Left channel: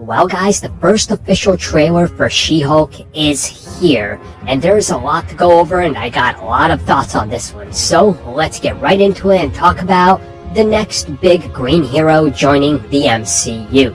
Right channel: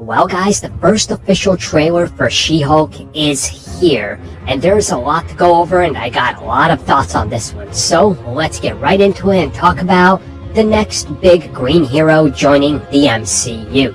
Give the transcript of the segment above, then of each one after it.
Well guys, the first official trailer for She-Hulk is here, and there's a lot to go over and I got a lot of thoughts on this one. So let's get right into it and talk about the next big green hero joining the MCU.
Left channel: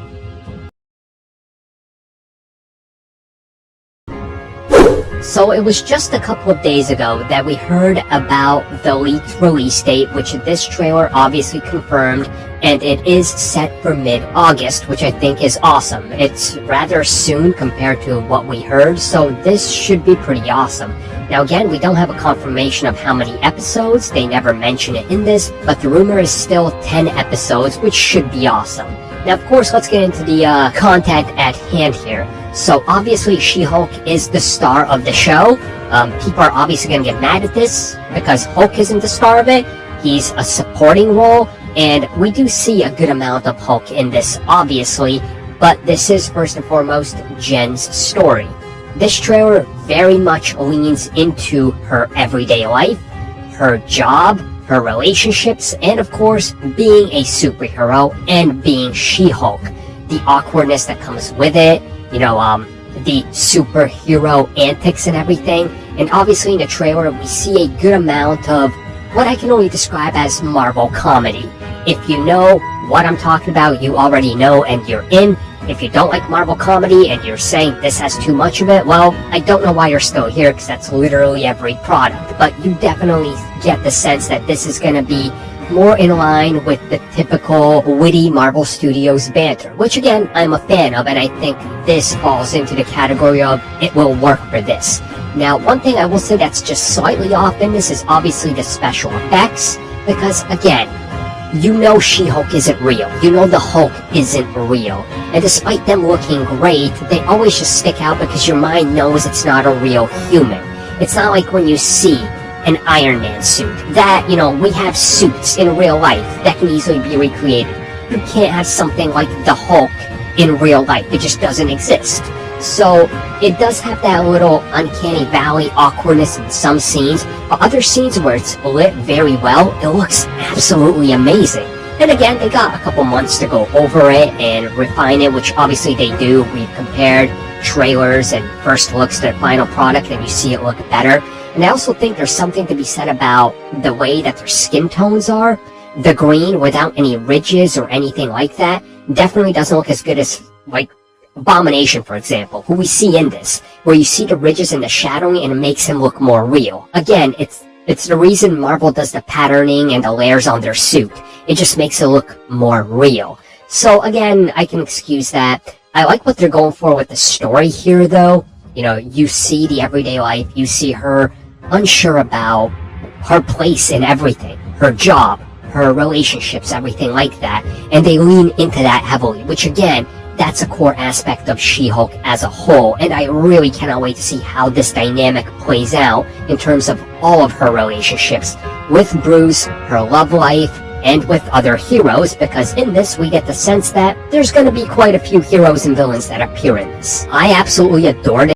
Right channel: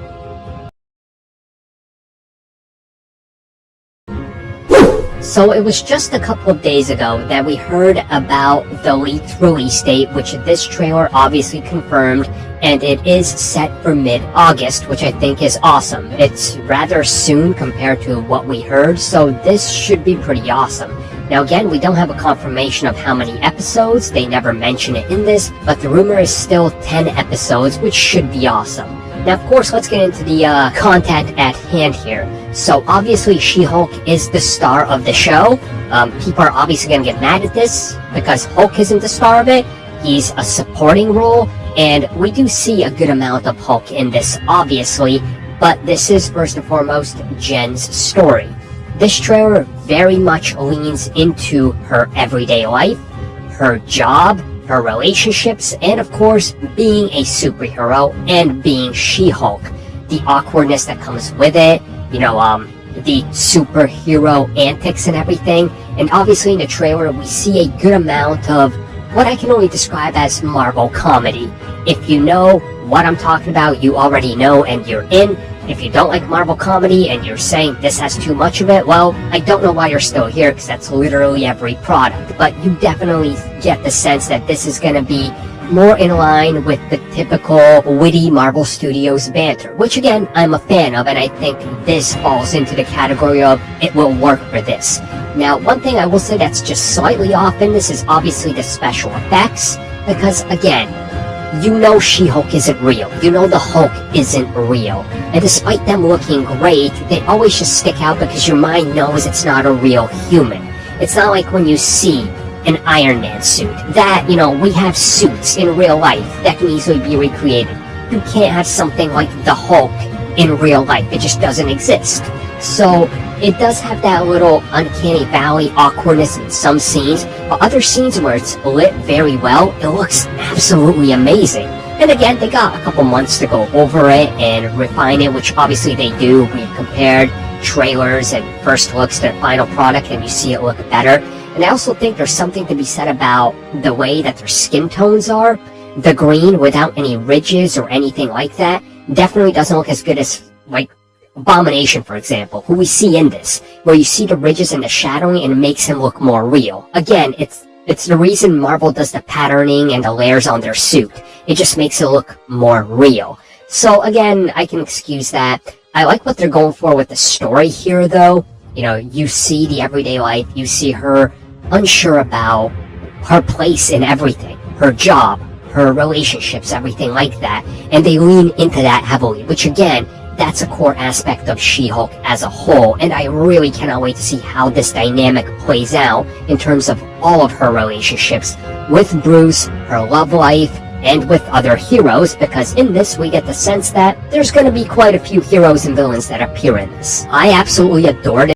So it was just a couple of days ago that we heard about the leaked release date, which this trailer obviously confirmed, and it is set for mid-August, which I think is awesome. It's rather soon compared to what we heard, so this should be pretty awesome. Now again, we don't have a confirmation of how many episodes, they never mention it in this, but the rumor is still 10 episodes, which should be awesome. Now of course, let's get into the content at hand here. So obviously She-Hulk is the star of the show. People are obviously going to get mad at this because Hulk isn't the star of it. He's a supporting role, and we do see a good amount of Hulk in this, obviously, but this is first and foremost Jen's story. This trailer very much leans into her everyday life, her job, her relationships, and of course, being a superhero and being She-Hulk. The awkwardness that comes with it, the superhero antics and everything. And obviously in the trailer, we see a good amount of what I can only describe as Marvel comedy. If you know what I'm talking about, you already know and you're in. If you don't like Marvel comedy and you're saying this has too much of it, well, I don't know why you're still here, because that's literally every product. But you definitely get the sense that this is going to be more in line with the typical witty Marvel Studios banter, which again, I'm a fan of, and I think this falls into the category of it will work for this. Now, one thing I will say that's just slightly off in this is obviously the special effects, because again, you know She-Hulk isn't real. You know the Hulk isn't real. And despite them looking great, they always just stick out because your mind knows it's not a real human. It's not like when you see an Iron Man suit. That, we have suits in real life that can easily be recreated. You can't have something like the Hulk in real life. It just doesn't exist. So, it does have that little uncanny valley awkwardness in some scenes, but other scenes where it's lit very well, it looks absolutely amazing. And again, they got a couple months to go over it and refine it, which obviously they do. We compared trailers and first looks to their final product, and you see it look better. And I also think there's something to be said about the way that their skin tones are. The green without any ridges or anything like that definitely doesn't look as good as, like, Abomination, for example, who we see in this, where you see the ridges and the shadowing and it makes him look more real. Again, it's the reason Marvel does the patterning and the layers on their suit. It just makes it look more real. So again, I can excuse that. I like what they're going for with the story here, though. You see the everyday life, you see her unsure about her place in everything, her job, her relationships, everything like that, and they lean into that heavily, which again, that's a core aspect of She-Hulk as a whole, and I really cannot wait to see how this dynamic plays out in terms of all of her relationships with Bruce, her love life, and with other heroes, because in this we get the sense that there's going to be quite a few heroes and villains that appear in this. I absolutely adored it.